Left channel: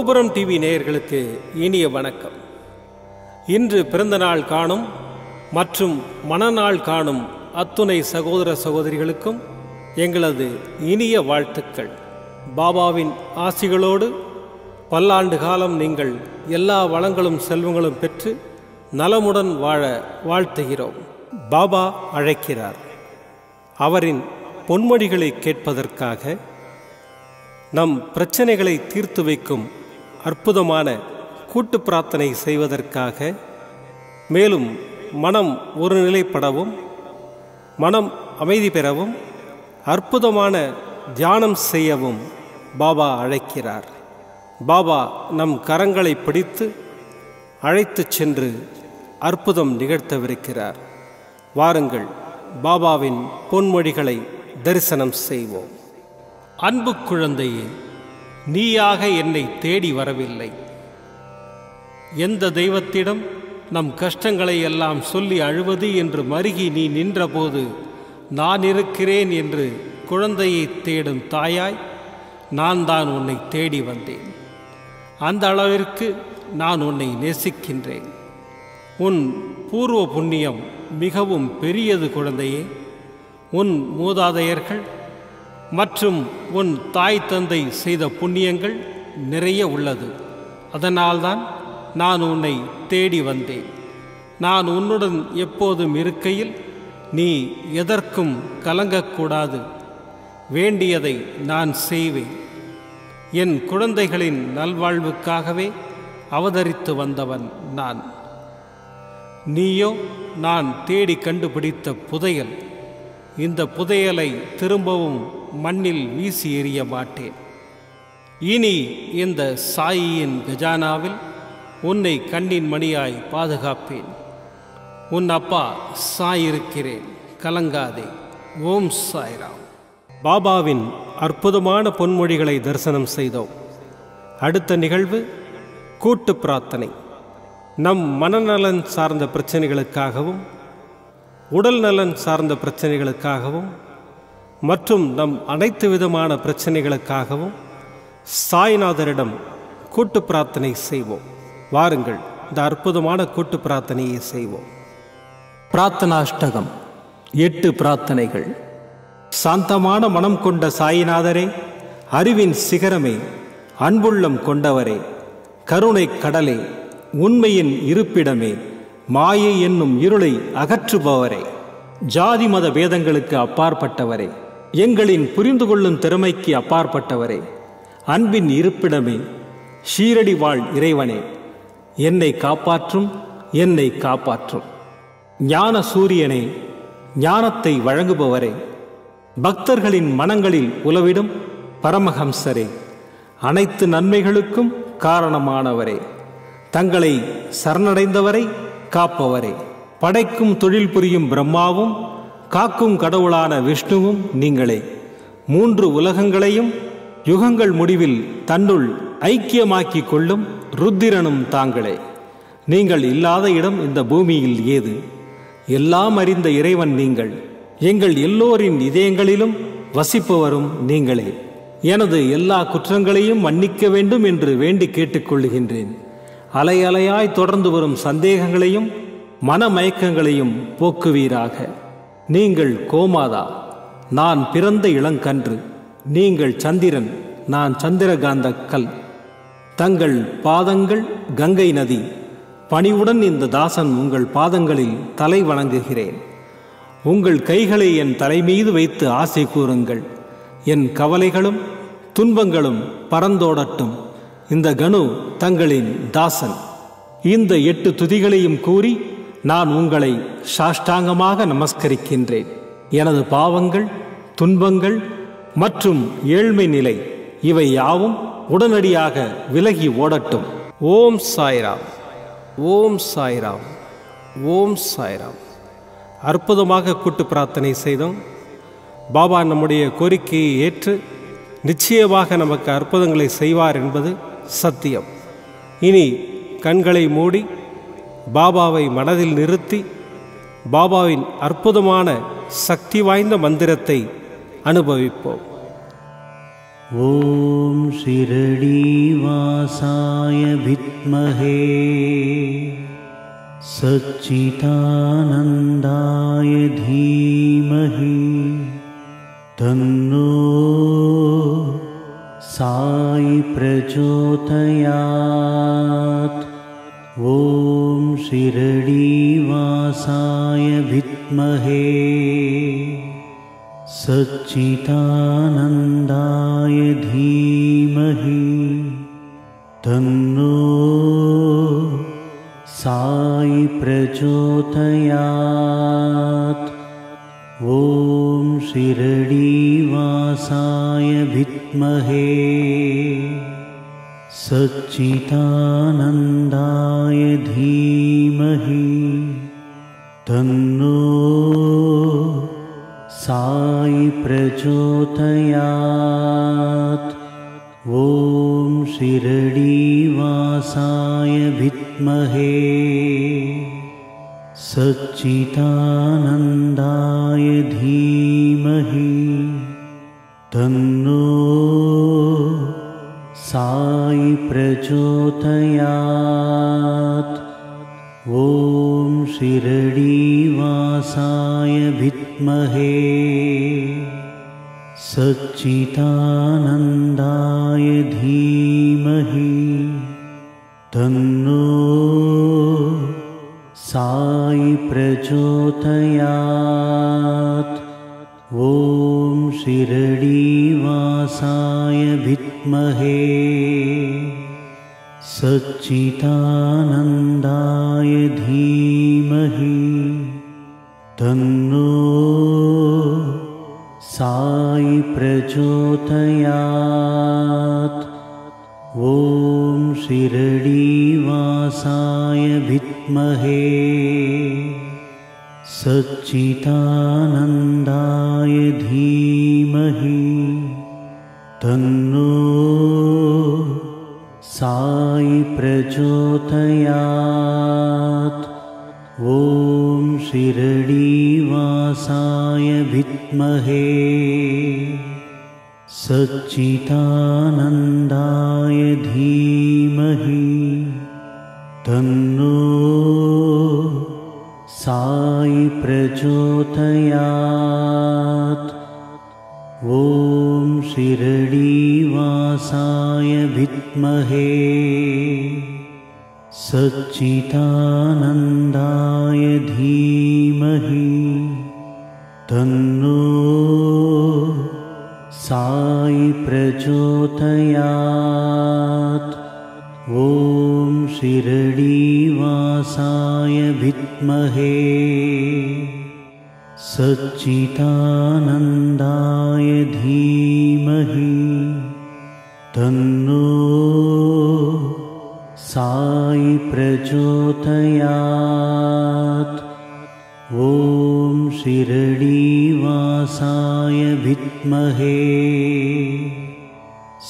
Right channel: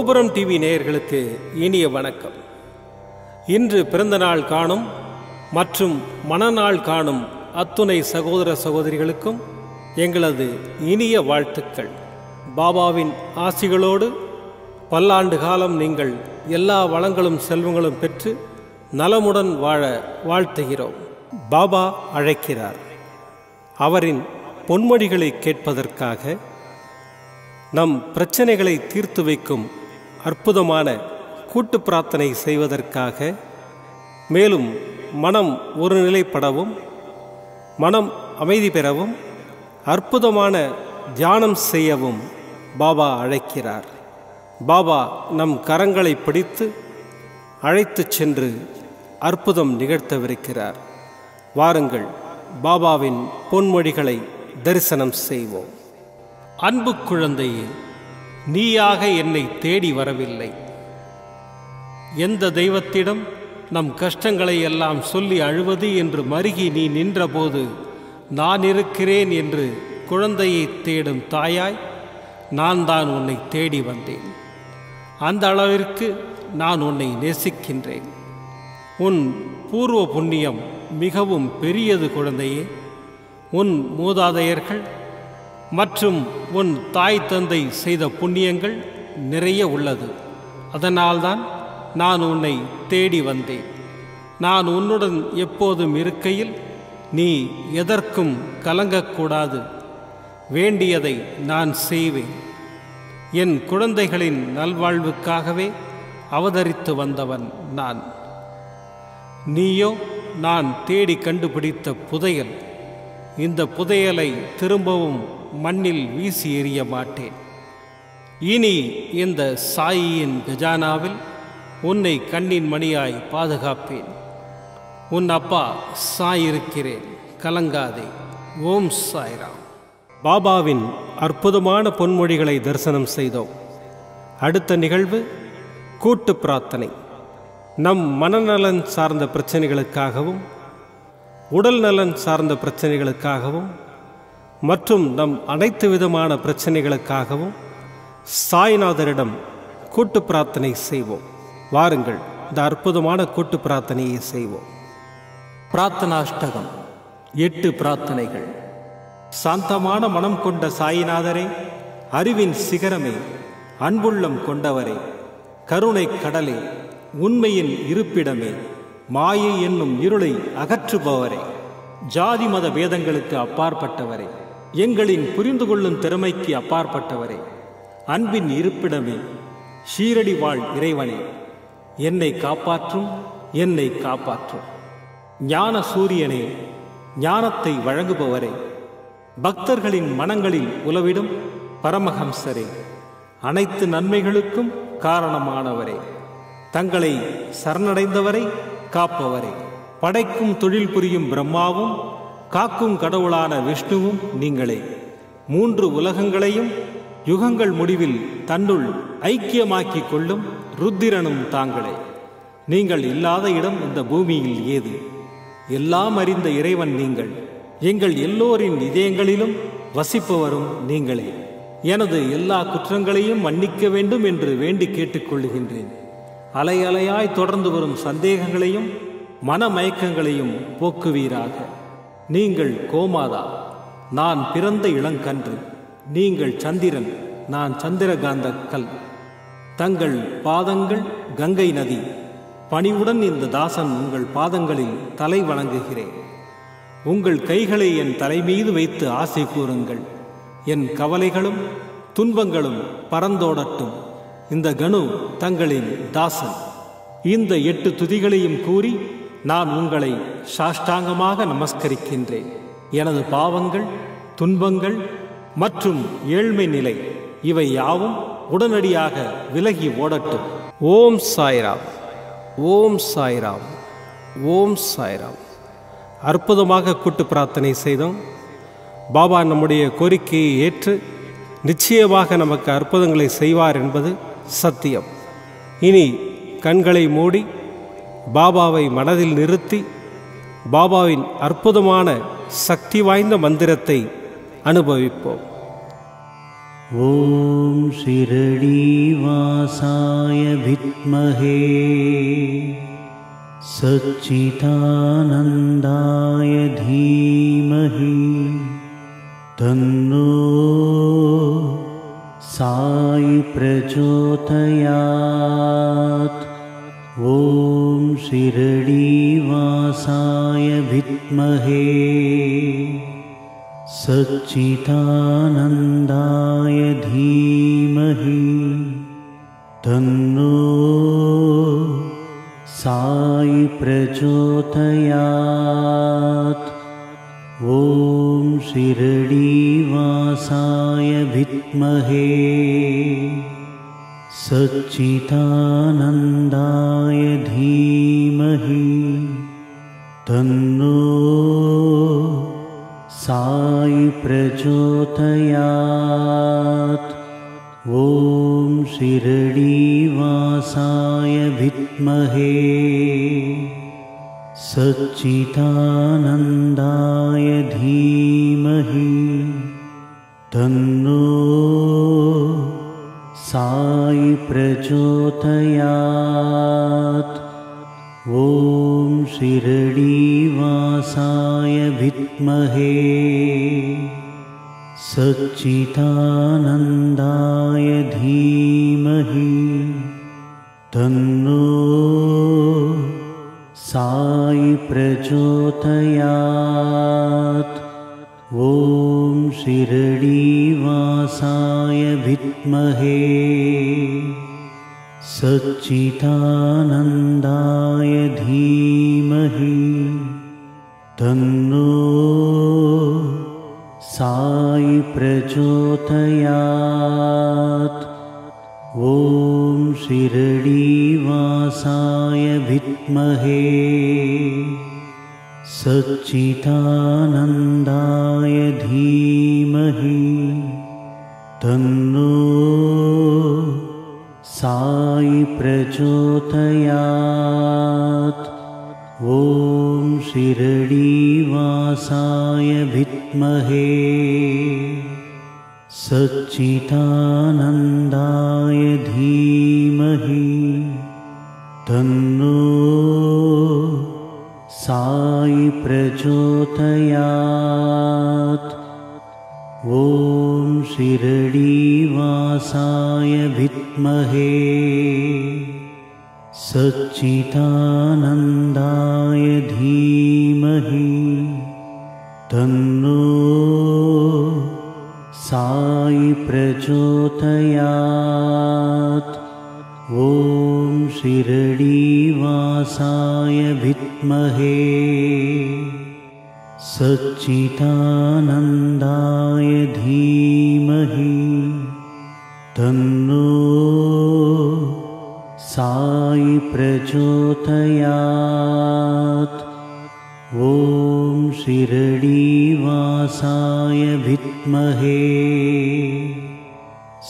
கோபுரம் டிவி நேயர்களுக்கு இனிய வணக்கம். இன்று பிறந்தநாள் காணும் மற்றும் மணநாள் காணும் அத்துணை சகோதர சகோதரிகளுக்கும் எங்களது இனிய வாழ்த்துக்கள். பாபாவின் ஆசிகளோடு பல்லாண்டு காலம் நீங்கள் எல்லா வளங்களும் செல்வங்களும் பெற்று நலமுடன் வாழ வாழ்த்துகிறோம். பாபா அழைக்கிறார். அவரின் பொன்மொழிகளை கேட்பதற்காக, நம் பிரச்சனைகளை தீர்த்து வைக்கும் அற்புதமான கூட்டு பிரார்த்தனை செய்வதற்காக, மேலும் மனம் ஒருநிலைப்படவும் மனம் அமைதி பெறவும் அற்புதமான தியானம் செய்யவும் பாபா அழைக்கிறார். பாபா நம் கரங்களை பிடித்து அழைத்து சென்று அற்புதம் நிகழ்த்தவிருக்கிறார். வாருங்கள், பாபாவின் பொன்மொழிகளை தரிசனம் செய்வோம். அன்பு குழந்தையே, நீயாக என்னை தேடி வரவில்லை. எந்த தெய்வத்திடம் நம் கஷ்டங்களை எல்லாம் சொல்லி அழுவது என்று மருகி நீ நின்றபோது, நான் இருக்கிறேன் என்று குழந்தையை தேடும் தாயாய் நான் தான் உன்னை தேடி வந்தேன். அந்த அளவிற்கு நான் உன்னை நேசிக்கின்றேன். உன் பூர்வ புண்ணியம் மிகவும் பெரியது குழந்தையே. உன் மூதாதையர்கள் மற்றும் உன் தாய் தந்தை செய்த புண்ணியங்கள் நிறைய உள்ளது. அதனால்தான் நான் உன்னை தேடி வந்தேன். நான் உன்னுடன் எப்போதும் இருக்கையில் நீ எதற்கும் கலங்கக்கூடாது. வேண்டியதை நான் செய்வேன். என் குழந்தைகளின் நல்வாழ்வுக்காகவே அவதரித்து வந்தவன் நான். நீயோ நான் தேடி கண்டுபிடித்த புதையல். இந்த புதையலை திரும்பவும் மண்ணில் வீசி எறிய மாட்டேன். இனி இந்த சாயியின் கஜானாவில் உன்னை கண்ணின் மணியாய் பாதுகாப்பேன். உன் அப்பா சாயிருக்கிறேன், கலங்காதே. ஓம் சாய்ராம். பாபாவின் அற்புதமான பொன்மொழிகளை தரிசனம் செய்தோம். அடுத்த நிகழ்வு கூட்டு பிரார்த்தனை. நம் மனநலன் சார்ந்த பிரச்சனைகளுக்காகவும் உடல் நலன் சார்ந்த பிரச்சனைகளுக்காகவும் மற்றும் நம் அனைத்து விதமான பிரச்சனைகளுக்காகவும் சாய்நாதரிடம் கூட்டு பிரார்த்தனை செய்வோம். வாருங்கள், இந்த அற்புதமான கூட்டு பிரார்த்தனையை செய்வோம். பிரார்த்தனாஷ்டகம். 8 பிரார்த்தனைகள். சாந்தமான மனம் கொண்ட சாயிநாதரே, அறிவின் சிகரமே, அன்புள்ளம் கொண்டவரே, கருணை கடலே, உண்மையின் இருப்பிடமே, மாயை என்னும் இருளை அகற்றுபவரே, ஜாதி மத பேதங்களுக்கு அப்பாற்பட்டவரே, எங்களின் புரிந்து கொள்ளும் திறமைக்கு அப்பாற்பட்டவரே, அன்பின் இருப்பிடமே, ஷீரடி வாழ் இறைவனே, என்னை காப்பாற்றும், என்னை காப்பாற்றும். ஞான சூரியனே, ஞானத்தை வழங்குபவரே, பக்தர்களின் மனங்களில் உலவிடும் பரமஹம்சரே, அனைத்து நன்மைகளுக்கும் காரணமானவரே, தங்களை சரணடைந்தவரை காப்பவரே, படைக்கும் தொழில் புரியும் பிரம்மாவும் காக்கும் கடவுளான விஷ்ணுவும் நீங்களே. 3 உலகங்களையும் யுகங்கள் முடிவில் தன்னுள் ஐக்கியமாக்கிக் கொள்ளும் ருத்திரனும் தாங்களே. நீங்கள் இல்லாத இடம் இந்த பூமியில் ஏது? எல்லாம் அறிந்த இறைவன் நீங்கள். எங்கள் எல்லோரின் இதயங்களிலும் வசிப்பவரும் நீங்களே. எனது எல்லா குற்றங்களையும் மன்னிக்க வேண்டும் என்று வேண்டி கேட்டுக்கொள்ளுகின்றேன். அலை அலையாய் தொடர்ந்து வரும் சந்தேகங்களையும் மனமயக்கங்களையும் போக்குவீராக. நீங்கள் கோமாதா, நான் பிறந்த இளங்கன்று. நீங்கள் சந்திரன், நான் சந்திரகாந்த கல். தங்கள் பாதங்கள் கங்கை நதி. பணிவுடன் இந்த தாசன் உங்கள் பாதங்களில் தலை வணங்குகிறேன். உங்கள் கைகளை என் தலைமீது வைத்து ஆசை கூறுங்கள். என் கவலைகளும் துன்பங்களும் பறந்தோடட்டும். இந்த கணு தங்களின் தாசன். இந்த 8 துதிகளையும் கூறி நான் உங்களை சாஷ்டாங்கமாக நமஸ்கரிக்கின்றேன். எனது பாவங்கள், துன்பங்கள் மற்றும் ஏழ்மை நிலை இவை யாவும் உடனடியாக விலகி ஓடட்டும். ஓம் சாய்ராம், ஓம் சாய்ராம், ஓம் சாய்ராம். அற்புதமாக கூட்டு பிரார்த்தனை செய்தோம். பாபா நம்முடைய கோரிக்கையை ஏற்று நிச்சயமாக நமக்கு அற்புதங்களை செய்வார் என்பது சத்தியம். இனி கண்களை மூடி பாபாவை மனதில் நிறுத்தி பாபாவின் அற்புதமான சக்தி வாய்ந்த மந்திரத்தை அனுபவிப்போம். ॐ शिरडीवासाय विद्महे सच्चिदानन्दाय धीमहि तन्नो साई प्रचोदयात्। ॐ शिरडीवासाय विद्महे सच्चिदानन्दाय धीमहि तन्नो साई प्रचोदयात्। ॐ शिरडीवासाय विद्महे सच्चिदानन्दाय धीमहि तन्नो साई प्रचोदयात्। ॐ शिरडीवासाय विद्महे सच्चिदानन्दाय धीमहि तन्नो साई प्रचोदयात्। ॐ शिरडीवासाय विद्महे सच्चिदानन्दाय धीमहि तन्नो साई प्रचोदयात्। ॐ शिरडीवासाय विद्महे सच्चिदानन्दाय धीमहि तन्नो साई प्रचोदयात्। ॐ शिरडीवासाय विद्महे सच्चिदानन्दाय धीमहि तन्नो साई प्रचोदयात्। ॐ शिरडीवासाय विद्महे सच्चिदानन्दाय धीमहि तन्नो साई प्रचोदयात्। ॐ शिरडीवासाय विद्महे सच्चिदानन्दाय धीमहि तन्नो साई प्रचोदयात्। ॐ शिरडीवासाय विद्महे सच्चिदानन्दाय धीमहि तन्नो साई प्रचोदयात्। ॐ शिरडीवासाय विद्महे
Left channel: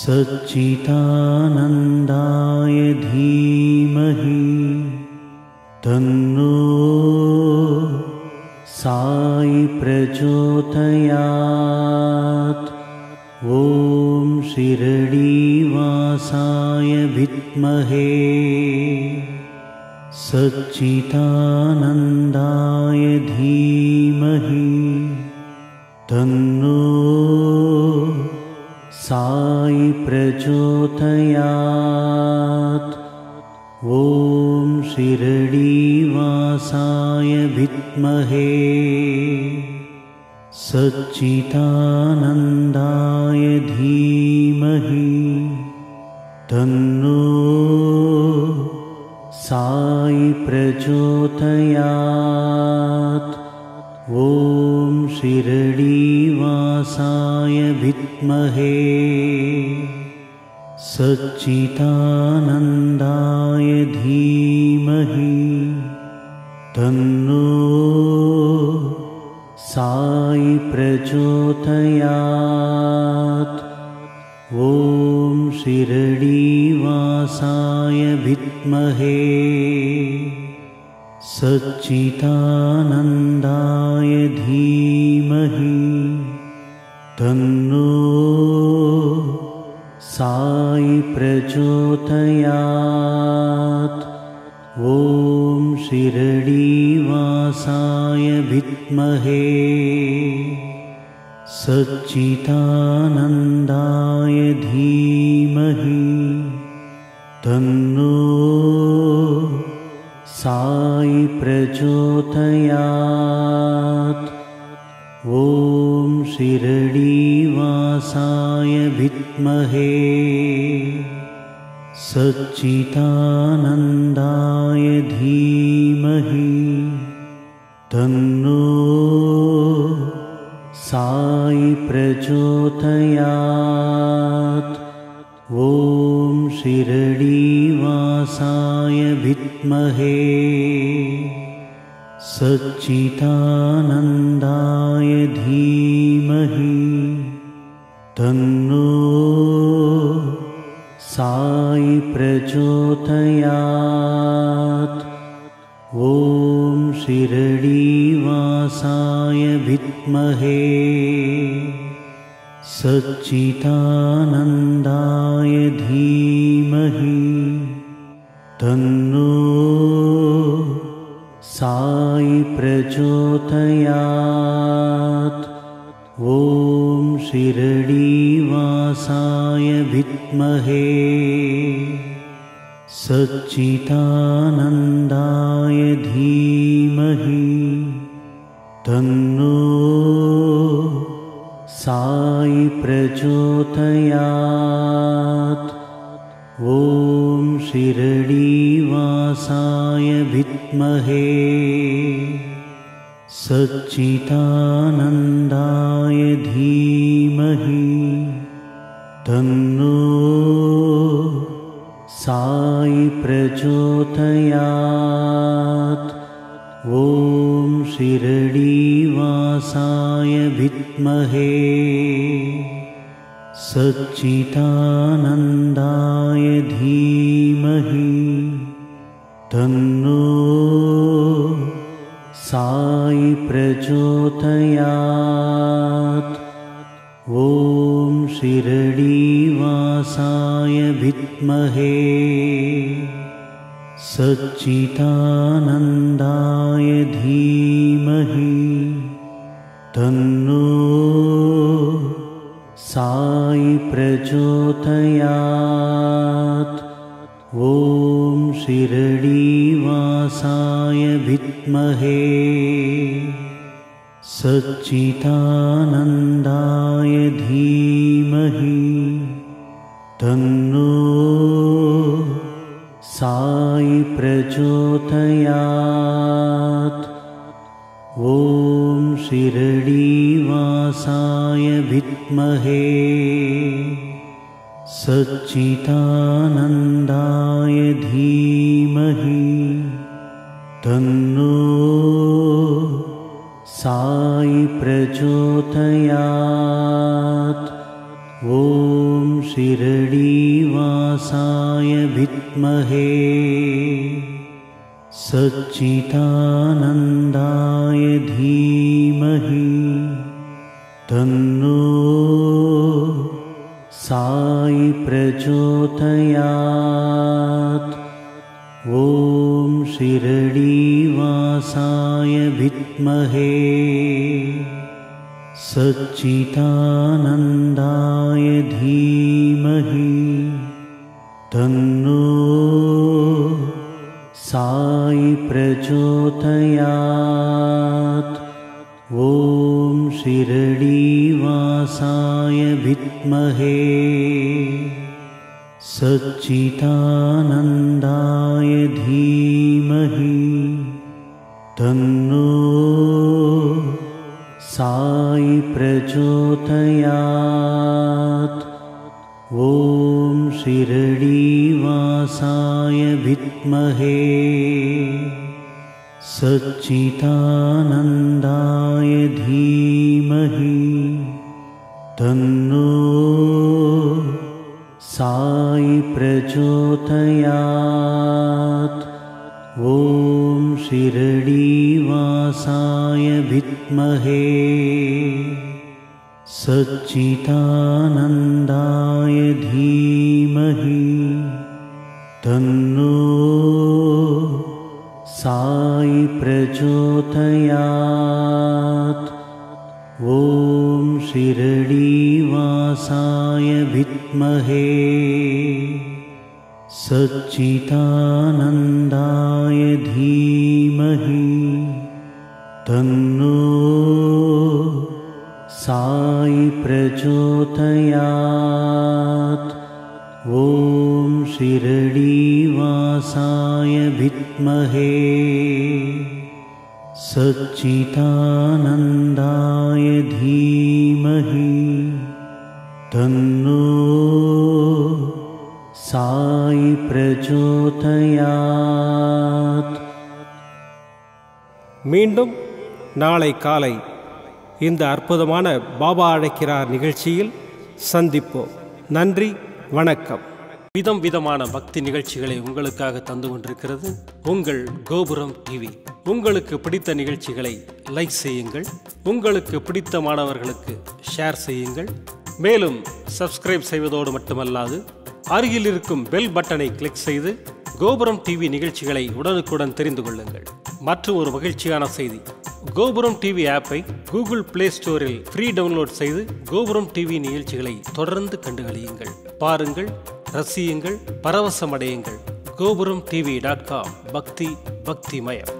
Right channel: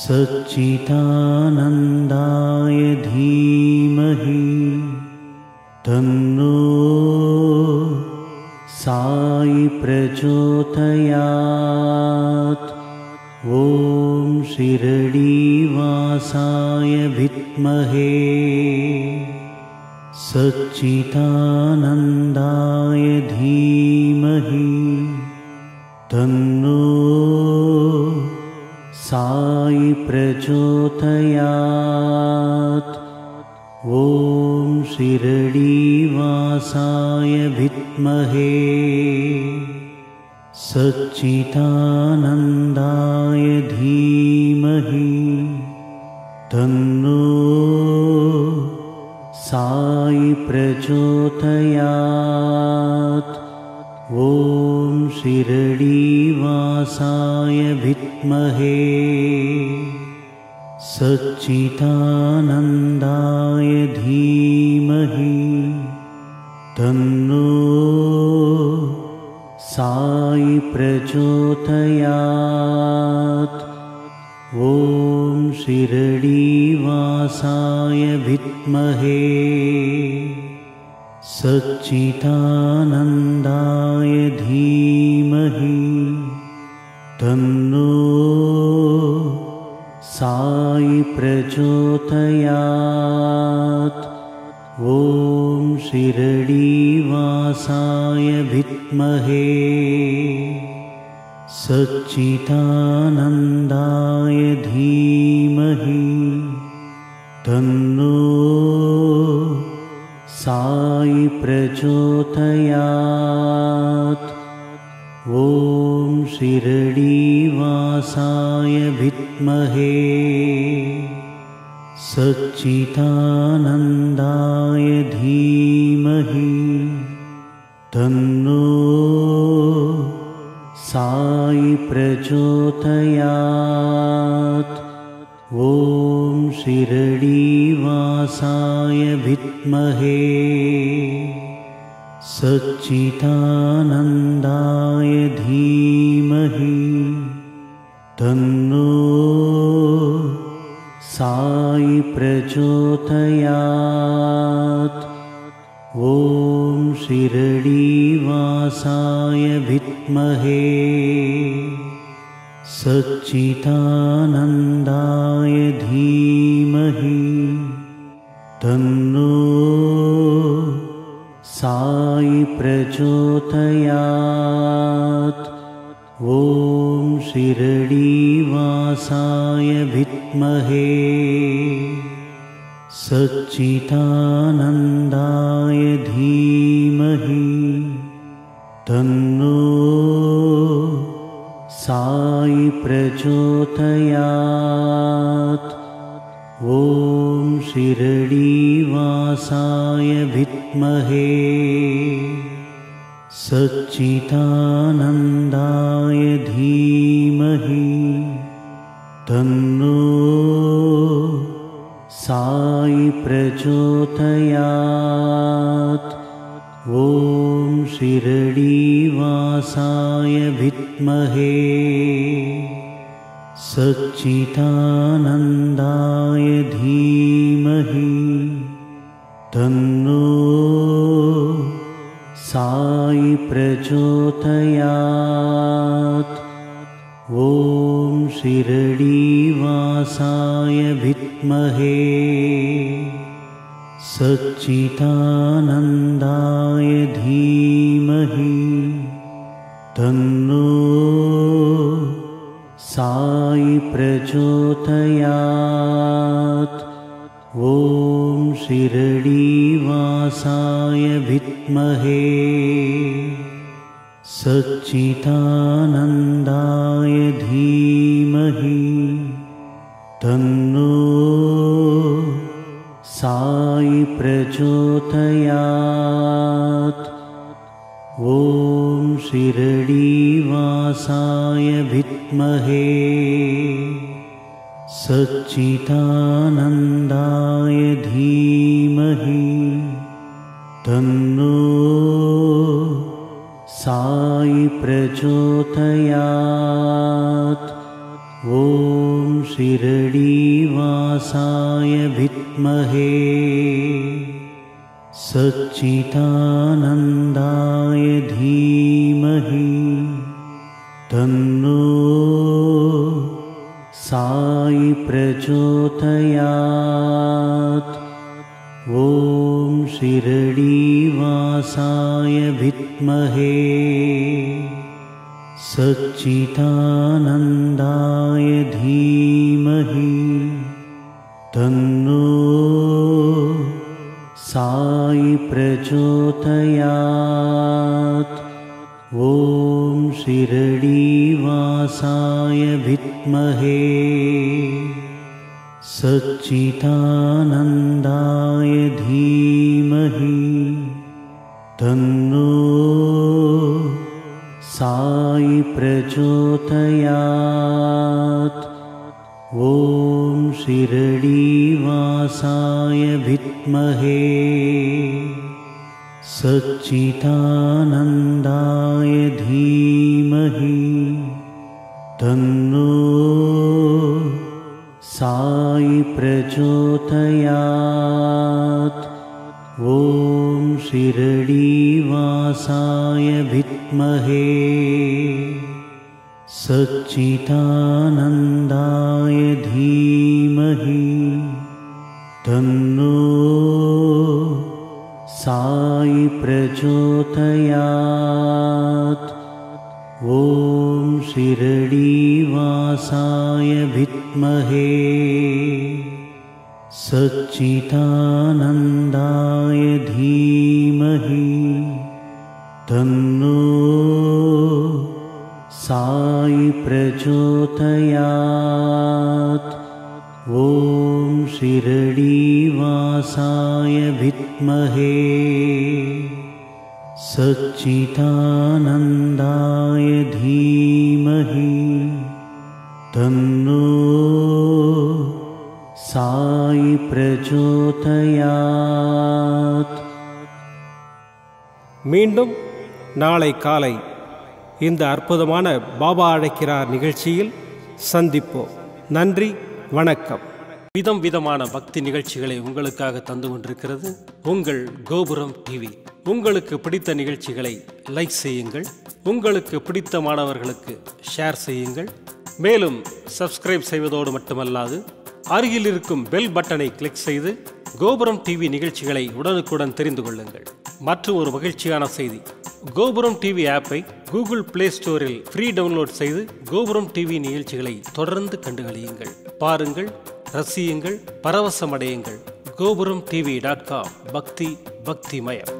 सच्चिदानन्दाय धीमहि तन्नो साई प्रचोदयात्। ॐ शिरडीवासाय विद्महे सच्चिदानन्दाय धीमहि तन्नो साई प्रचोदयात्। ॐ शिरडीवासाय विद्महे सच्चिदानन्दाय धीमहि तन्नो साई प्रचोदयात्। ॐ शिरडीवासाय विद्महे सच्चिदानन्दाय धीमहि तन्नो साई प्रचोदयात्। ॐ शिरडीवासाय विद्महे सच्चिदानन्दाय धीमहि तन्नो शिरडीवासाय विद्महे सच्चिदानन्दाय धीमहि तन्नो साई प्रचोदयात्। ॐ शिरडीवासाय विद्महे सच्चिदानन्दाय धीमहि तन्नो साई प्रचोदयात्। ॐ शिरडीवासाय विद्महे सच्चिदानन्दाय धीमहि तन्नो साई प्रचोदयात्। ॐ शिरडीवासाय विद्महे सच्चिदानन्दाय धीमहि तन्नो साई प्रचोदयात्। ॐ शिरडीवासाय विद्महे सच्चिदानन्दाय धीमहि तन्नो साई प्रचोदयात्। ॐ शिरडीवासाय विद्महे सच्चिदानन्दाय धीमहि तन्नो साई प्रचोदयात्। ॐ शिरडीवासाय विद्महे सच्चिदानन्दाय धीमहि तन्नो साई प्रचोदयात्। ॐ शिरडीवासाय विद्महे सच्चिदानन्दाय धीमहि तन्नो साई प्रचोदयात्। ॐ शिरडीवासाय विद्महे सच्चिदानन्दाय धीमहि तन्नो साई प्रचोदयात्। ॐ शिरडीवासाय विद्महे सच्चिदानन्दाय धीमहि तन्नो साई प्रचोदयात्। ॐ शिरडीवासाय विद्महे सच्चिदानन्दाय धीमहि तन्नो साई प्रचोदयात्। ॐ शिरडीवासाय विद्महे सच्चिदानन्दाय धीमहि तन्नो साई प्रचोदयात्। ॐ शिरडीवासाय विद्महे सच्चिदानन्दाय धीमहि तन्नो साई प्रचोदयात्। ॐ शिरडीवासाय विद्महे सच्चिदानन्दाय धीमहि तन्नो साई प्रचोदयात्। ॐ शिरडीवासाय विद्महे सच्चिदानन्दाय धीमहि तन्नो साई प्रचोदयात् ॐ शिरडीवासाय विद्महे सच्चिदानन्दाय धीमहि तन्नो साई प्रचोदयात् ॐ शिरडीवासाय विद्महे सच्चिदानन्दाय धीमहि तन्नो साई प्रचोदयात्। மீண்டும் நாளை காலை இந்த அற்புதமான பாபா அழைக்கிறார் நிகழ்ச்சியில் சந்திப்போம். நன்றி, வணக்கம். விதம் விதமான பக்தி நிகழ்ச்சிகளை உங்களுக்காக தந்து கொண்டிருக்கிறது உங்கள் கோபுரம் டிவி. உங்களுக்கு பிடித்த நிகழ்ச்சிகளை லைக் செய்யுங்கள், உங்களுக்கு பிடித்த மாணவர்களுக்கு ஷேர் செய்யுங்கள். மேலும் சப்ஸ்கிரைப் செய்வதோடு மட்டுமல்லாது அருகில் இருக்கும் பெல் பட்டனை கிளிக் செய்து கோபுரம் டிவி நிகழ்ச்சிகளை உடனுக்குடன் தெரிந்து கொள்ளுங்கள். மற்றும் ஒரு மகிழ்ச்சியான செய்தி, கோபுரம் டிவி ஆப்பை கூகுள் பிளே ஸ்டோரில் ஃப்ரீ டவுன்லோட் செய்து கோபுரம் டிவி நிகழ்ச்சிகளை தொடர்ந்து கண்டுகளியுங்கள், பாருங்கள், ரசியுங்கள், பரவசமடையுங்கள். gopuramtv.com பக்தி பக்திமயம்.